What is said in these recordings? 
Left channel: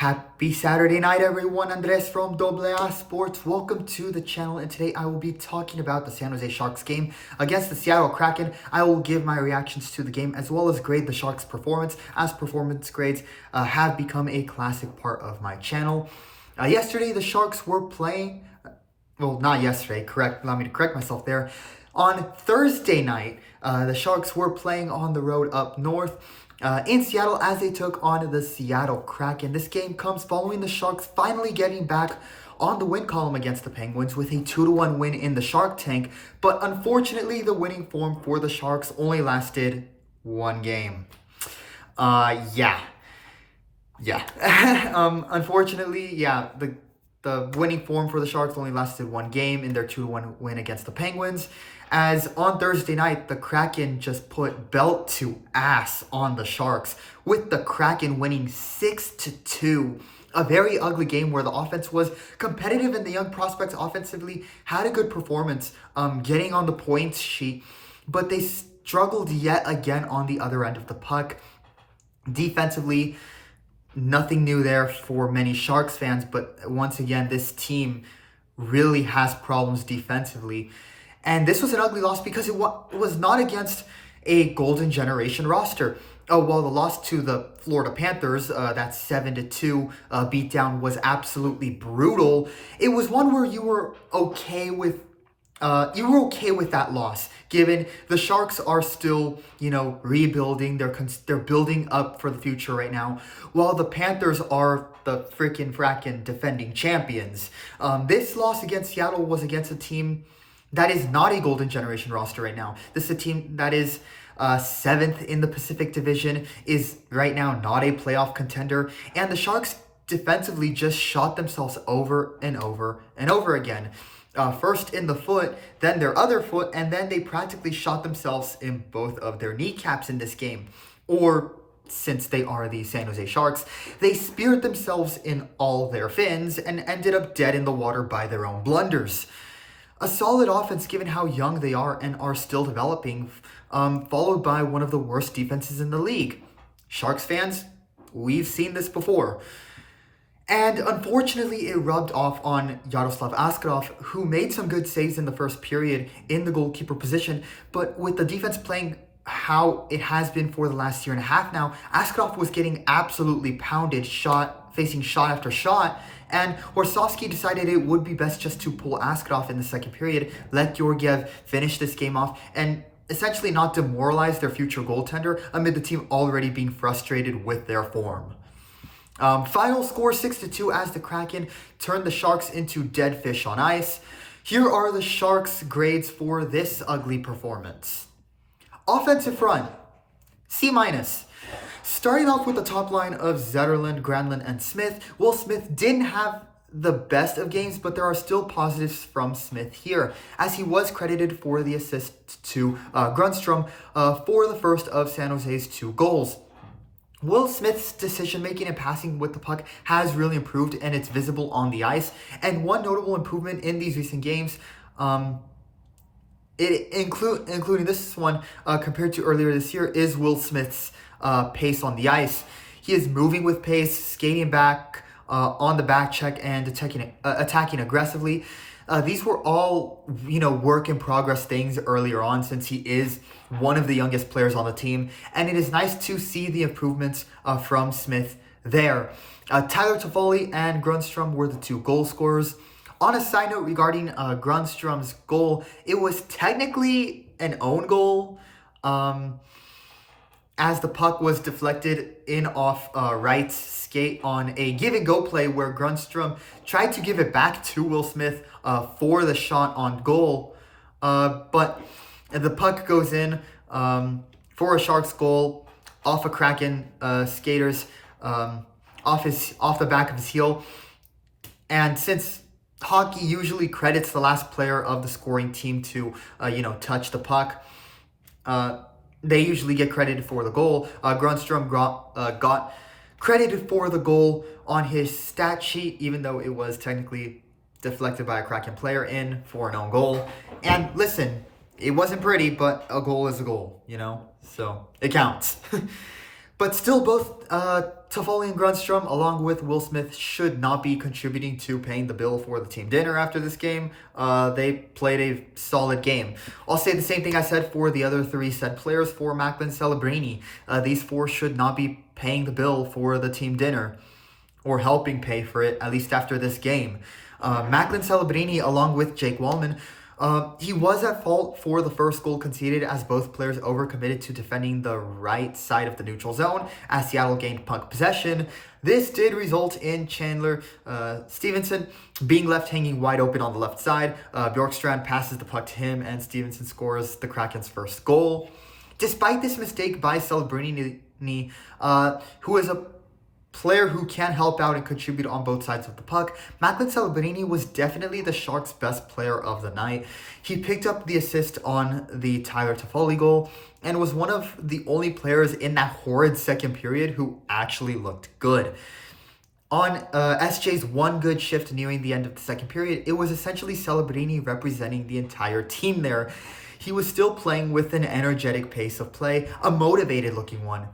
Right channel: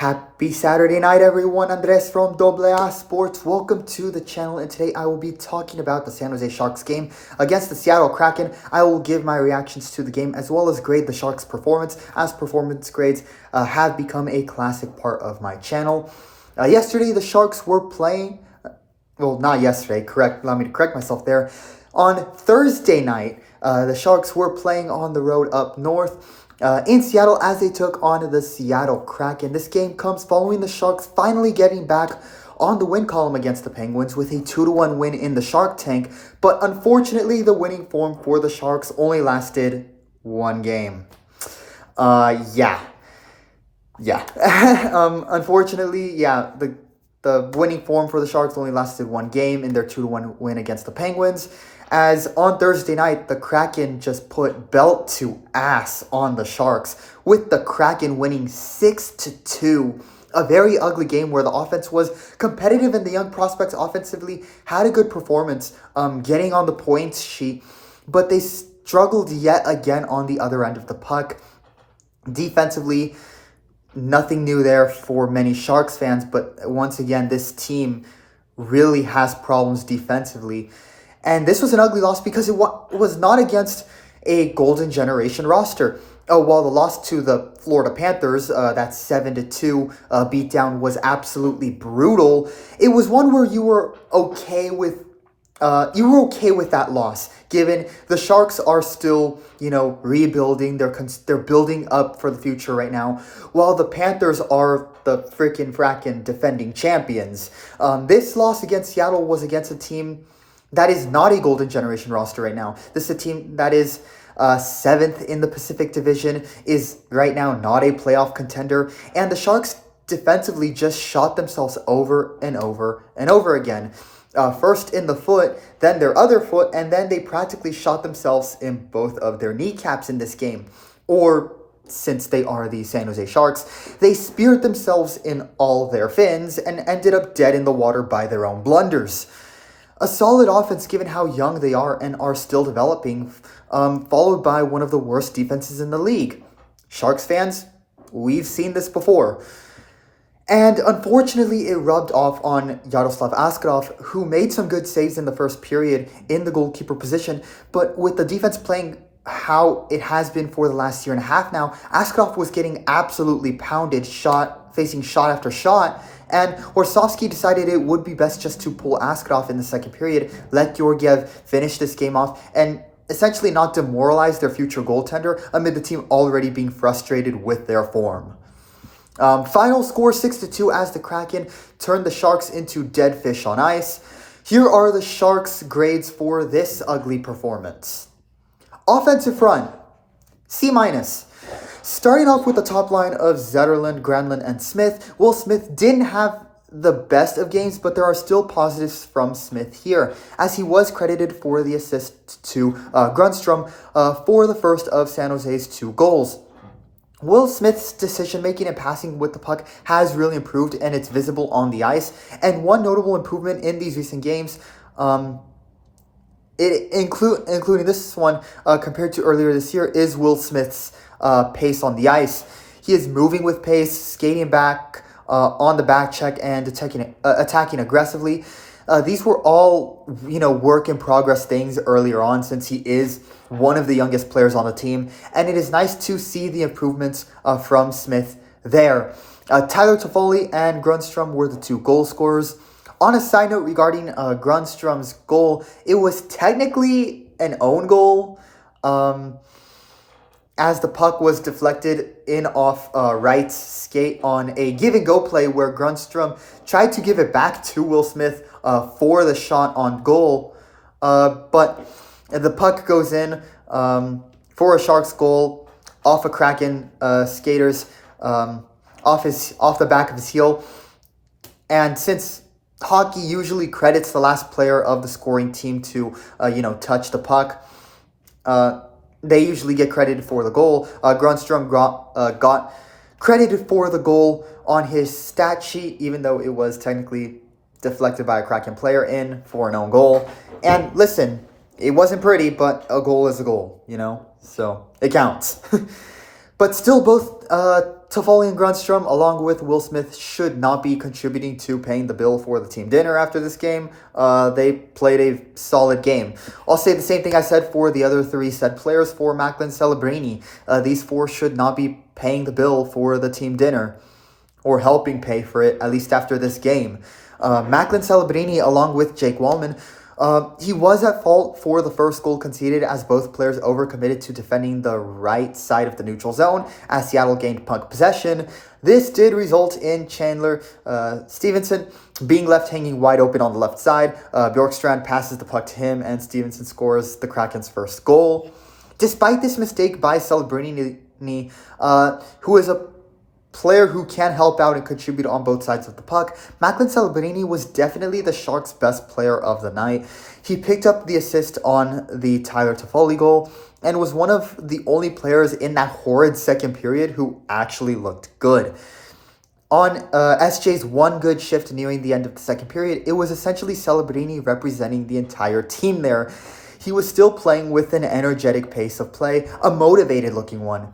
Happy Saturday night, everyone. Andres from AA Sports. Welcome to the channel, and today I will be talking about the San Jose Sharks game against the Seattle Kraken. I will give my reactions to the game as well as grade the Sharks' performance, as performance grades have become a classic part of my channel. Yesterday, the Sharks were playing, well, not yesterday, allow me to correct myself there. On Thursday night, the Sharks were playing on the road up north in Seattle as they took on the Seattle Kraken. This game comes following the Sharks finally getting back on the win column against the Penguins with a 2-1 win in the Shark Tank. But unfortunately, the winning form for the Sharks only lasted one game. Unfortunately, the winning form for the Sharks only lasted one game in their 2-1 win against the Penguins. As on Thursday night, the Kraken just put belt to ass on the Sharks, with the Kraken winning 6-2. A very ugly game where the offense was competitive and the young prospects offensively had a good performance, getting on the points sheet, but they struggled yet again on the other end of the puck. Defensively, nothing new there for many Sharks fans, but once again, this team really has problems defensively. And this was an ugly loss because it was not against a golden generation roster. While the loss to the Florida Panthers, that 7-2 beatdown was absolutely brutal, it was one where you were okay with that loss, given the Sharks are still, rebuilding. They're building up for the future right now, while the Panthers are the frackin' defending champions. This loss against Seattle was against a team that is not a golden generation roster right now. This is a team that is 7th in the Pacific Division, is right now not a playoff contender, and the Sharks defensively just shot themselves over and over and over again. First in the foot, then their other foot, and then they practically shot themselves in both of their kneecaps in this game. Or, since they are the San Jose Sharks, they speared themselves in all their fins and ended up dead in the water by their own blunders. A solid offense given how young they are and are still developing, followed by one of the worst defenses in the league. Sharks fans, we've seen this before. And unfortunately, it rubbed off on Yaroslav Askarov, who made some good saves in the first period in the goalkeeper position. But with the defense playing how it has been for the last year and a half now, Askarov was getting absolutely pounded, facing shot after shot. And Horsovsky decided it would be best just to pull Askarov in the second period, let Georgiev finish this game off, and essentially not demoralize their future goaltender amid the team already being frustrated with their form. Final score 6-2 as the Kraken turned the Sharks into dead fish on ice. Here are the Sharks' grades for this ugly performance. Offensive front, C-. Starting off with the top line of Zetterlund, Granlund, and Smith. Will Smith didn't have the best of games, but there are still positives from Smith here, as he was credited for the assist to Grundstrom for the first of San Jose's 2 goals. Will Smith's decision-making and passing with the puck has really improved, and it's visible on the ice. And one notable improvement in these recent games, including this one compared to earlier this year, is Will Smith's pace on the ice. He is moving with pace, skating back on the back check, and attacking aggressively. These were all, work in progress things earlier on, since he is one of the youngest players on the team, and it is nice to see the improvements from Smith there. Tyler Toffoli and Grundstrom were the 2 goal scorers. On a side note regarding Grundstrom's goal, it was technically an own goal, as the puck was deflected in off Wright's skate on a give-and-go play where Grundstrom tried to give it back to Will Smith for the shot on goal. But the puck goes in for a Sharks goal off a Kraken skater's off the back of his heel. And since hockey usually credits the last player of the scoring team to touch the puck, they usually get credited for the goal. Grundstrom got credited for the goal on his stat sheet, even though it was technically deflected by a Kraken player in for an own goal. And listen, it wasn't pretty, but a goal is a goal, so it counts. But still, both Toffoli and Grunstrom, along with Will Smith, should not be contributing to paying the bill for the team dinner after this game. They played a solid game. I'll say the same thing I said for the other three said players for Macklin Celebrini. These four should not be paying the bill for the team dinner or helping pay for it, at least after this game. Macklin Celebrini, along with Jake Wallman, he was at fault for the first goal conceded as both players overcommitted to defending the right side of the neutral zone as Seattle gained puck possession. This did result in Chandler Stevenson being left hanging wide open on the left side. Bjorkstrand passes the puck to him and Stevenson scores the Kraken's first goal. Despite this mistake by Celebrini, who is a player who can help out and contribute on both sides of the puck, Macklin Celebrini was definitely the Sharks' best player of the night. He picked up the assist on the Tyler Toffoli goal and was one of the only players in that horrid second period who actually looked good. On SJ's one good shift nearing the end of the second period, it was essentially Celebrini representing the entire team there. He was still playing with an energetic pace of play, a motivated looking one.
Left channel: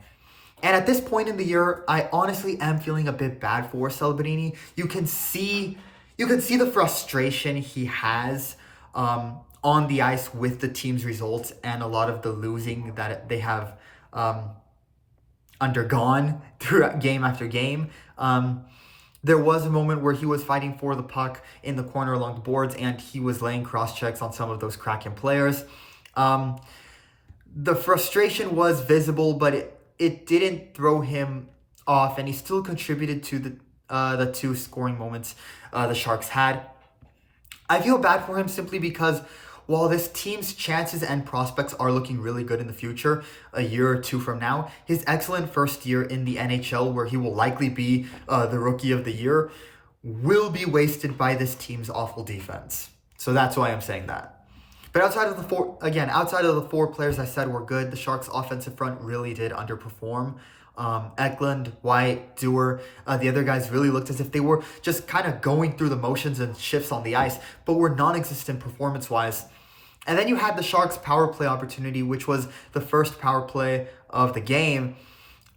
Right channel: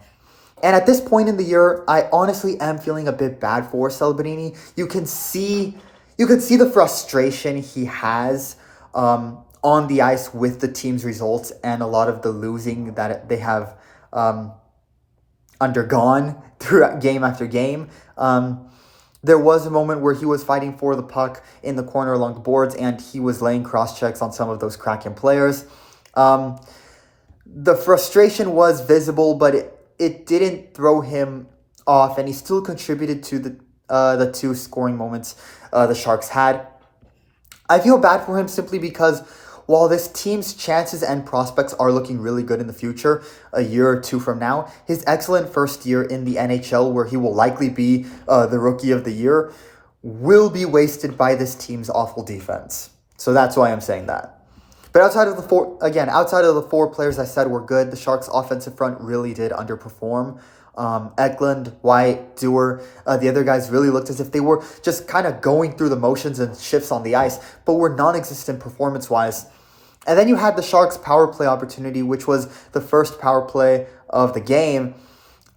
And at this point in the year, I honestly am feeling a bit bad for Celebrini. You can see the frustration he has on the ice with the team's results and a lot of the losing that they have undergone throughout game after game. There was a moment where he was fighting for the puck in the corner along the boards, and he was laying cross-checks on some of those Kraken players. The frustration was visible, but it didn't throw him off, and he still contributed to the two scoring moments the Sharks had. I feel bad for him simply because while this team's chances and prospects are looking really good in the future, a year or two from now, his excellent first year in the NHL, where he will likely be the Rookie of the Year, will be wasted by this team's awful defense. So that's why I'm saying that. But outside of the four players I said were good, the Sharks' offensive front really did underperform. Eklund, White, Dewar, the other guys really looked as if they were just kind of going through the motions and shifts on the ice, but were non-existent performance-wise. And then you had the Sharks' power play opportunity, which was the first power play of the game.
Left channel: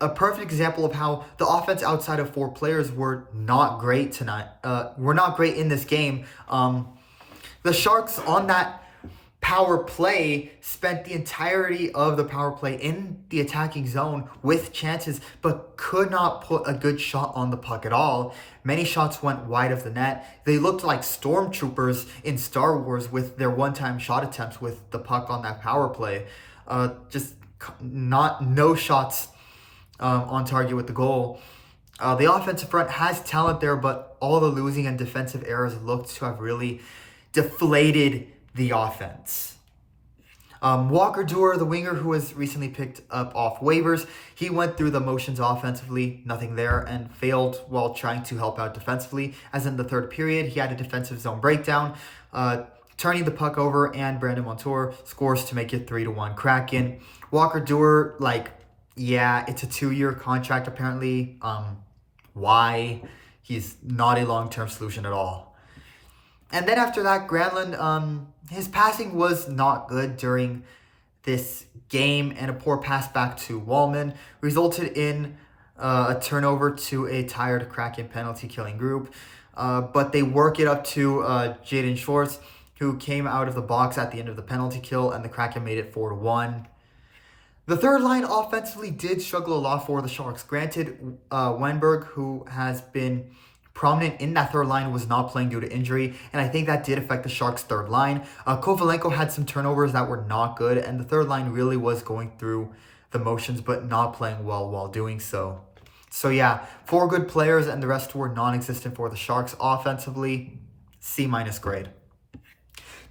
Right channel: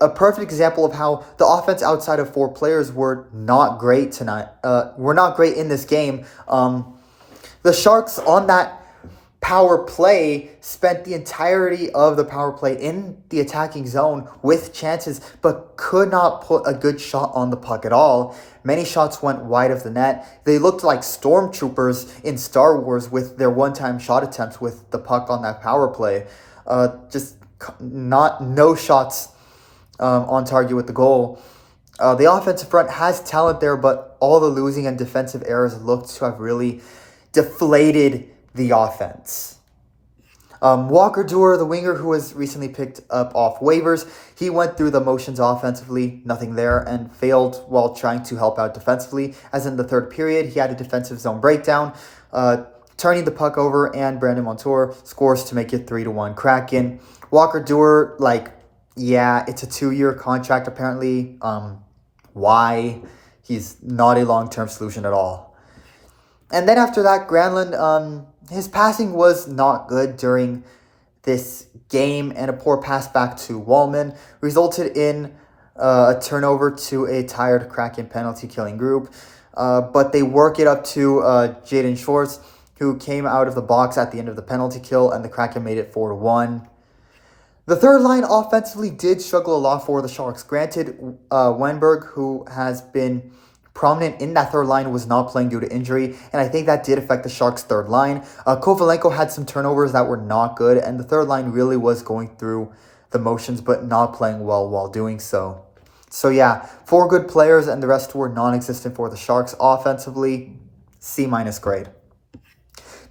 A perfect example of how the offense outside of four players were not great tonight. Were not great in this game. The Sharks on that power play spent the entirety of the power play in the attacking zone with chances, but could not put a good shot on the puck at all. Many shots went wide of the net. They looked like stormtroopers in Star Wars with their one-time shot attempts with the puck on that power play. No shots on target with the goal. The offensive front has talent there, but all the losing and defensive errors looked to have really deflated the offense. Walker Duehr, the winger who was recently picked up off waivers, he went through the motions offensively, nothing there, and failed while trying to help out defensively. As in the third period, he had a defensive zone breakdown, turning the puck over, and Brandon Montour scores to make it 3-1 Kraken. Walker Duehr, it's a 2-year contract apparently. Why? He's not a long-term solution at all. And then after that, Granlund, his passing was not good during this game, and a poor pass back to Wallman resulted in a turnover to a tired Kraken penalty-killing group. But they work it up to Jaden Schwartz, who came out of the box at the end of the penalty kill, and the Kraken made it 4-1. The third line offensively did struggle a lot for the Sharks. Granted, Wenberg, who has been prominent in that third line, was not playing due to injury, and I think that did affect the Sharks' third line. Kovalenko had some turnovers that were not good, and the third line really was going through the motions but not playing well while doing so. So yeah, 4 good players and the rest were non-existent for the Sharks offensively. C- grade.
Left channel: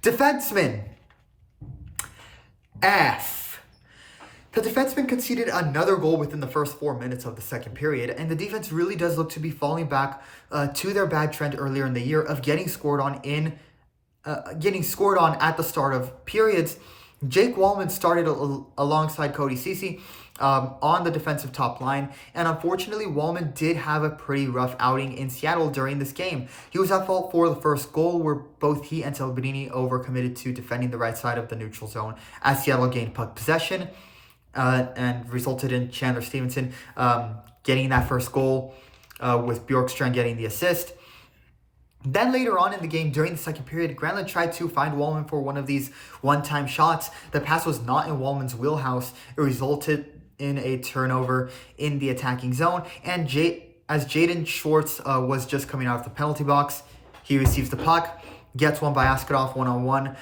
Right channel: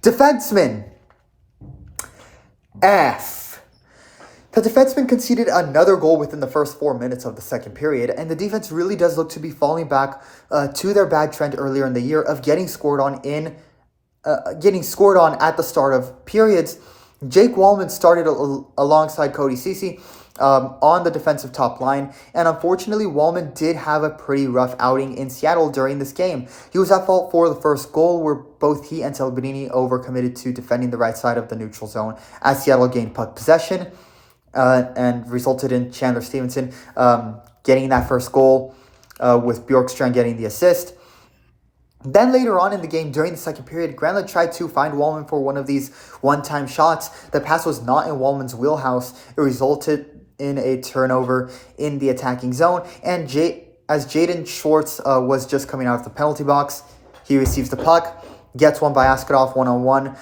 Defenseman. F. The defenseman conceded another goal within the first 4 minutes of the second period, and the defense really does look to be falling back to their bad trend earlier in the year of getting scored on at the start of periods. Jake Wallman started alongside Cody Ceci on the defensive top line, and unfortunately Wallman did have a pretty rough outing in Seattle during this game. He was at fault for the first goal, where both he and Celebrini overcommitted to defending the right side of the neutral zone as Seattle gained puck possession. And resulted in Chandler Stevenson getting that first goal, with Bjorkstrand getting the assist. Then later on in the game, during the second period, Granlund tried to find Wallman for one of these one-time shots. The pass was not in Wallman's wheelhouse. It resulted in a turnover in the attacking zone. And as Jaden Schwartz was just coming out of the penalty box, he receives the puck, gets one by Askarov one-on-one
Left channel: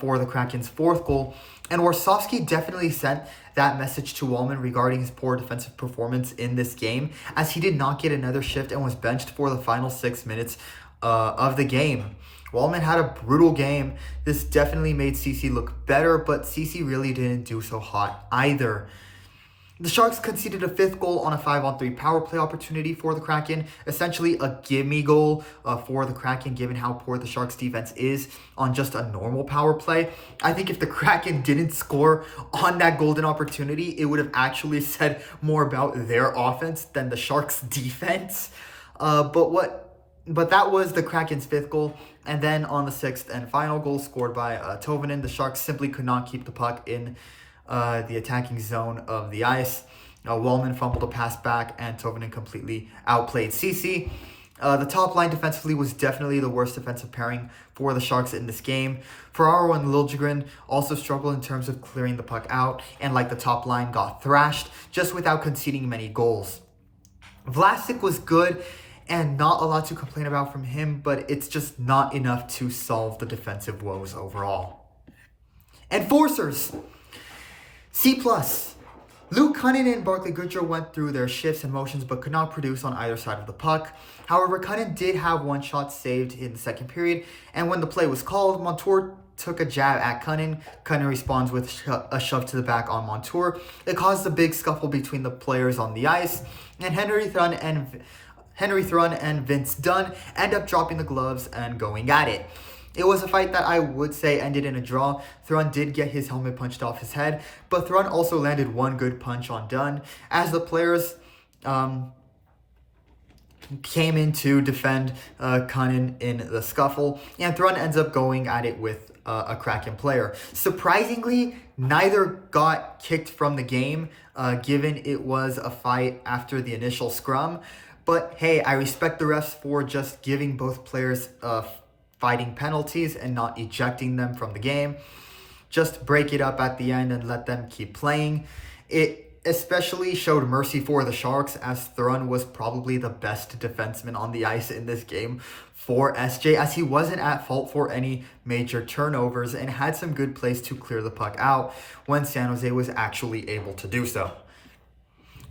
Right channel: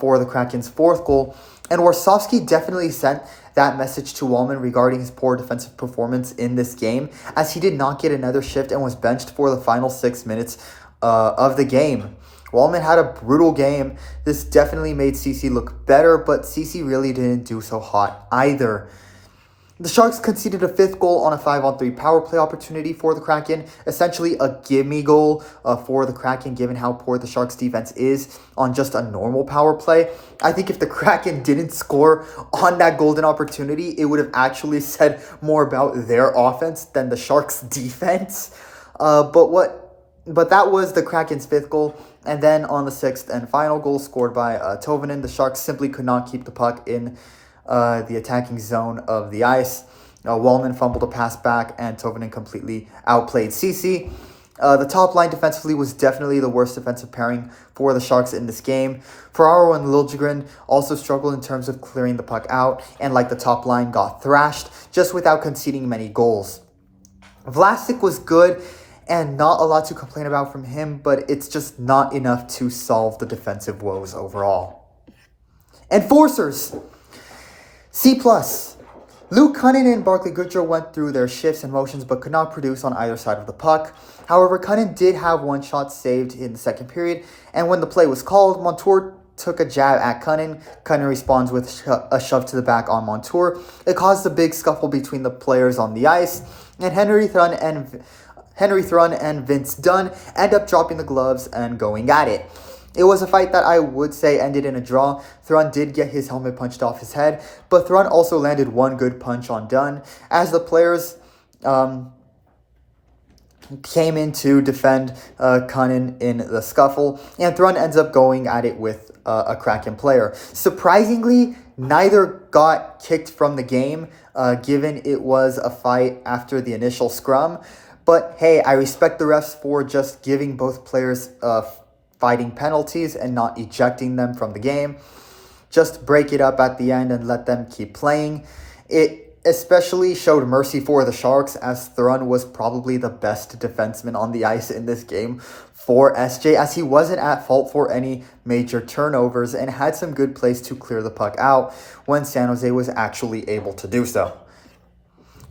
for the Kraken's fourth goal. And Warsawski definitely sent that message to Wallman regarding his poor defensive performance in this game, as he did not get another shift and was benched for the final 6 minutes of the game. Wallman had a brutal game. This definitely made CC look better, but CC really didn't do so hot either. The Sharks conceded a fifth goal on a 5-on-3 power play opportunity for the Kraken, essentially a gimme goal for the Kraken, given how poor the Sharks defense is on just a normal power play. I think if the Kraken didn't score on that golden opportunity, it would have actually said more about their offense than the Sharks defense. But that was the Kraken's fifth goal. And then on the sixth and final goal scored by Tovanen, the Sharks simply could not keep the puck in the attacking zone of the ice. Wallman fumbled a pass back, and Tovanen completely outplayed CC. The top line defensively was definitely the worst defensive pairing for the Sharks in this game. Ferraro and Liljegren also struggled in terms of clearing the puck out, and like the top line, got thrashed just without conceding many goals. Vlasic was good, and not a lot to complain about from him, but it's just not enough to solve the defensive woes overall. Enforcers, C+. Luke Cunnin and Barclay Goodrow went through their shifts and motions but could not produce on either side of the puck. However, Cunnin did have one shot saved in the second period, and when the play was called, Montour took a jab at Cunnin. Cunnin responds with a shove to the back on Montour. It caused a big scuffle between the players on the ice, and Henry Thrun and Vince Dunn end up dropping the gloves and going at it. It was a fight that I would say ended in a draw. Thrun did get his helmet punched off his head, but Thrun also landed one good punch on Dunn as the players came in to defend Cunnin in the scuffle, and Thrun ends up going at it with a Kraken player. Surprisingly, neither got kicked from the game, given it was a fight after the initial scrum. But hey, I respect the refs for just giving both players fighting penalties and not ejecting them from the game. Just break it up at the end and let them keep playing. It especially showed mercy for the Sharks, as Thrun was probably the best defenseman on the ice in this game for SJ, as he wasn't at fault for any major turnovers and had some good plays to clear the puck out when San Jose was actually able to do so.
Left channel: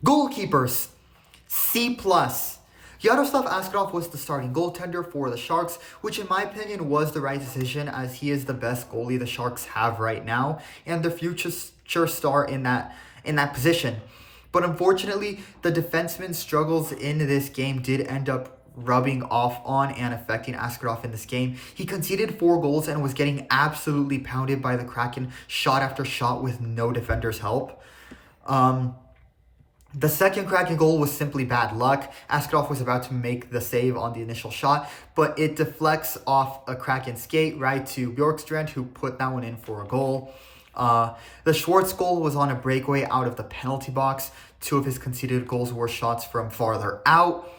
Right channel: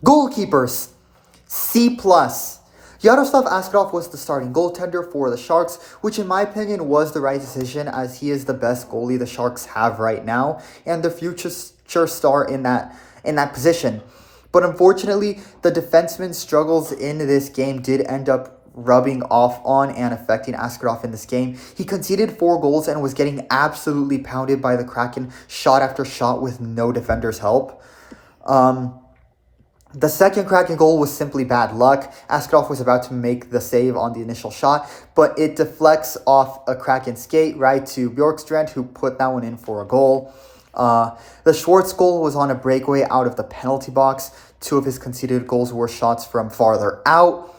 Goalkeepers, C+. Yaroslav Askarov was the starting goaltender for the Sharks, which in my opinion was the right decision, as he is the best goalie the Sharks have right now and the future star in that position. But unfortunately, the defenseman's struggles in this game did end up rubbing off on and affecting Askarov in this game. He conceded 4 goals and was getting absolutely pounded by the Kraken shot after shot with no defender's help. The second Kraken goal was simply bad luck. Askarov was about to make the save on the initial shot, but it deflects off a Kraken skate right to Bjorkstrand, who put that one in for a goal. The Schwartz goal was on a breakaway out of the penalty box. 2 of his conceded goals were shots from farther out.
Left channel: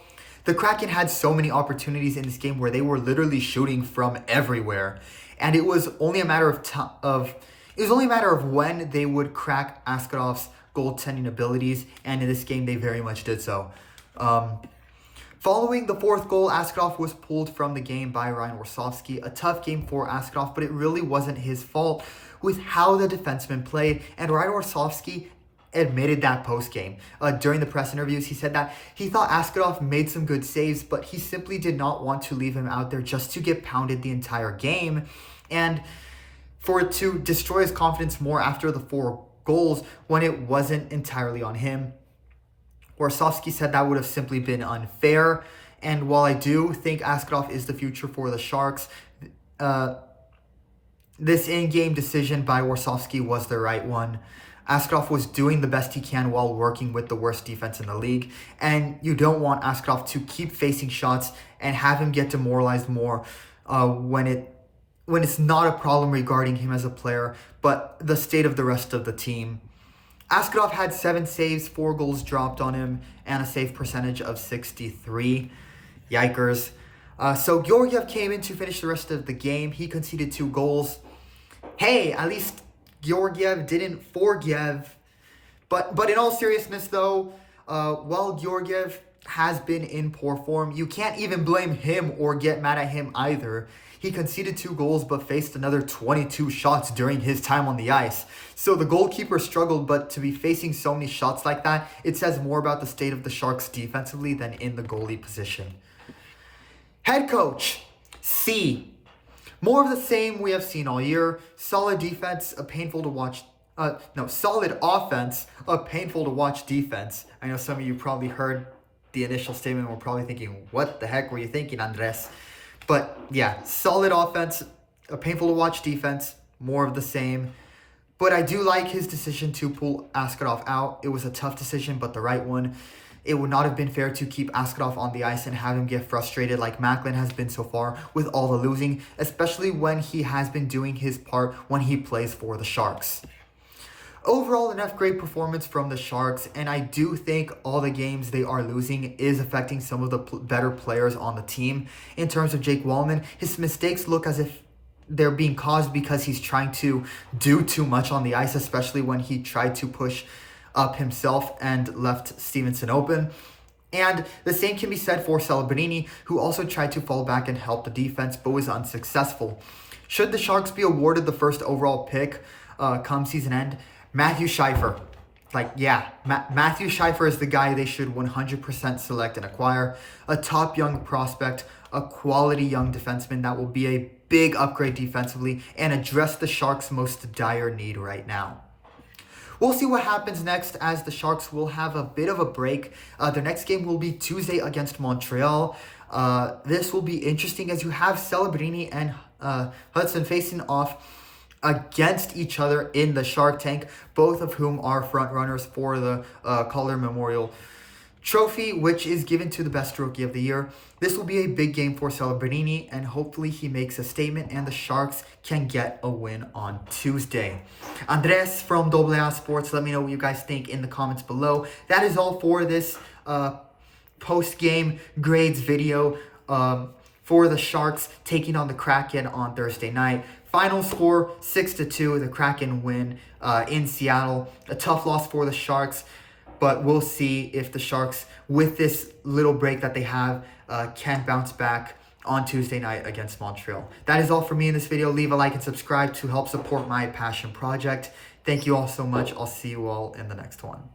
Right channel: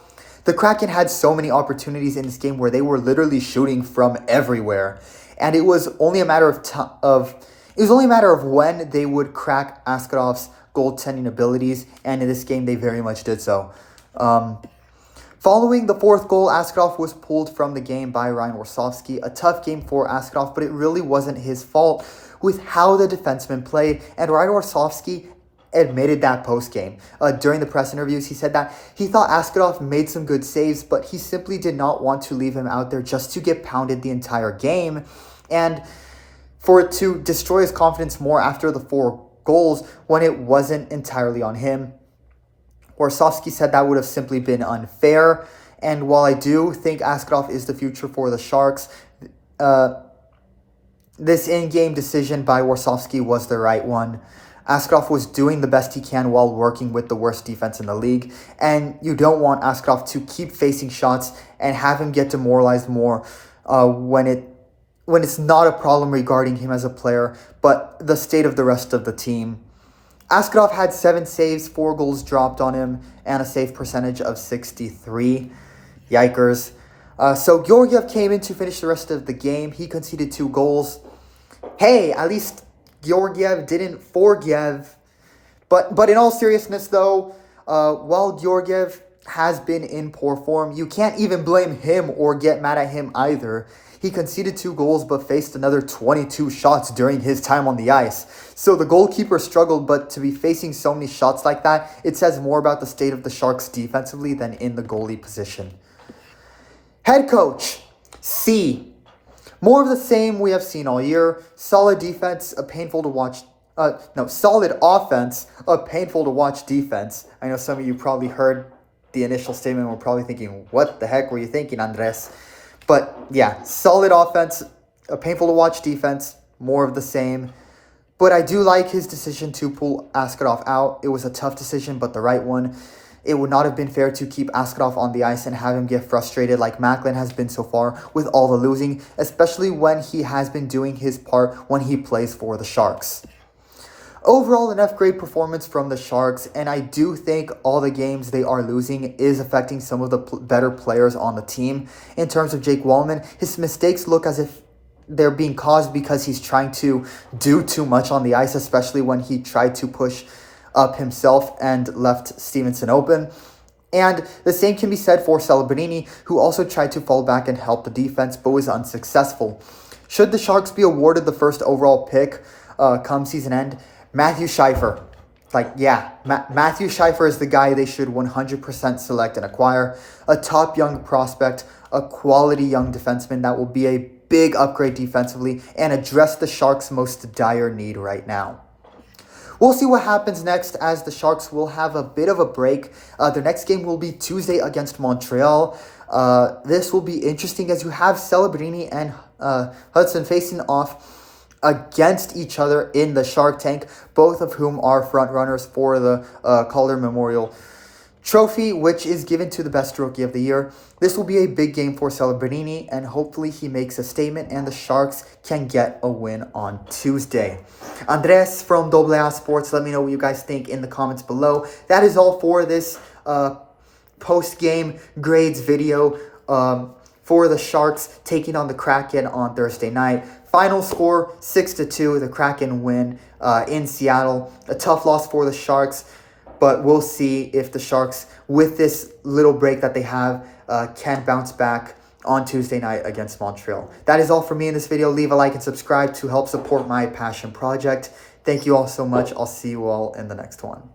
The Kraken had so many opportunities in this game where they were literally shooting from everywhere, and it was only a matter of when they would crack Askarov's goaltending abilities, and in this game they very much did so. Following the 4th goal, Askarov was pulled from the game by Ryan Warsawski. A tough game for Askarov, but it really wasn't his fault with how the defenseman played, and Ryan Warsawski admitted that post-game. During the press interviews, he said that he thought Askarov made some good saves, but he simply did not want to leave him out there just to get pounded the entire game, and for it to destroy his confidence more after the 4 goals when it wasn't entirely on him. Warsawski said that would have simply been unfair, and while I do think Askarov is the future for the Sharks, this in-game decision by Warsawski was the right one. Askarov was doing the best he can while working with the worst defense in the league, and you don't want Askarov to keep facing shots and have him get demoralized more when it's not a problem regarding him as a player, but the state of the rest of the team. Askarov had 7 saves, 4 goals dropped on him, and a save percentage of 63. Yikers. So Georgiev came in to finish the rest of the game. He conceded 2 goals. Hey, at least Georgiev didn't forgive. But in all seriousness, though, while Georgiev has been in poor form, you can't even blame him or get mad at him either. He conceded 2 goals but faced another 22 shots during his time on the ice. So the goalkeeper struggled, but to be facing so many shots like that, it says more about the state of the Sharks defensively than in the goalie position. Head coach, C. More of the same we have seen all year. Solid defense, painful to watch. Solid offense, a painful to watch defense. I know some of you probably heard the initial statement and were probably thinking, what the heck were you thinking, Andres? But yeah, solid offense, a painful to watch defense, more of the same. But I do like his decision to pull Askarov out. It was a tough decision, but the right one. It would not have been fair to keep Askarov on the ice and have him get frustrated like Macklin has been so far with all the losing, especially when he has been doing his part when he plays for the Sharks. Overall, an F-grade performance from the Sharks, and I do think all the games they are losing is affecting some of the better players on the team. In terms of Jake Wallman, his mistakes look as if they're being caused because he's trying to do too much on the ice, especially when he tried to push up himself and left Stevenson open. And the same can be said for Celebrini, who also tried to fall back and help the defense, but was unsuccessful. Should the Sharks be awarded the first overall pick come season end, Matthew Schiffer. Matthew Schiffer is the guy they should 100% select and acquire. A top young prospect, a quality young defenseman that will be a big upgrade defensively and address the Sharks' most dire need right now. We'll see what happens next, as the Sharks will have a bit of a break. Their next game will be Tuesday against Montreal. This will be interesting as you have Celebrini and Hudson facing off against each other in the Shark Tank, both of whom are front runners for the Calder Memorial Trophy, which is given to the best rookie of the year. This will be a big game for Celebrini, and hopefully he makes a statement and the Sharks can get a win on Tuesday. Andres from AA Sports, let me know what you guys think in the comments below. That is all for this post-game grades video for the Sharks taking on the Kraken on Thursday night. Final score, 6-2, the Kraken win in Seattle. A tough loss for the Sharks, but we'll see if the Sharks, with this little break that they have, can bounce back on Tuesday night against Montreal. That is all for me in this video. Leave a like and subscribe to help support my passion project. Thank you all so much. I'll see you all in the next one.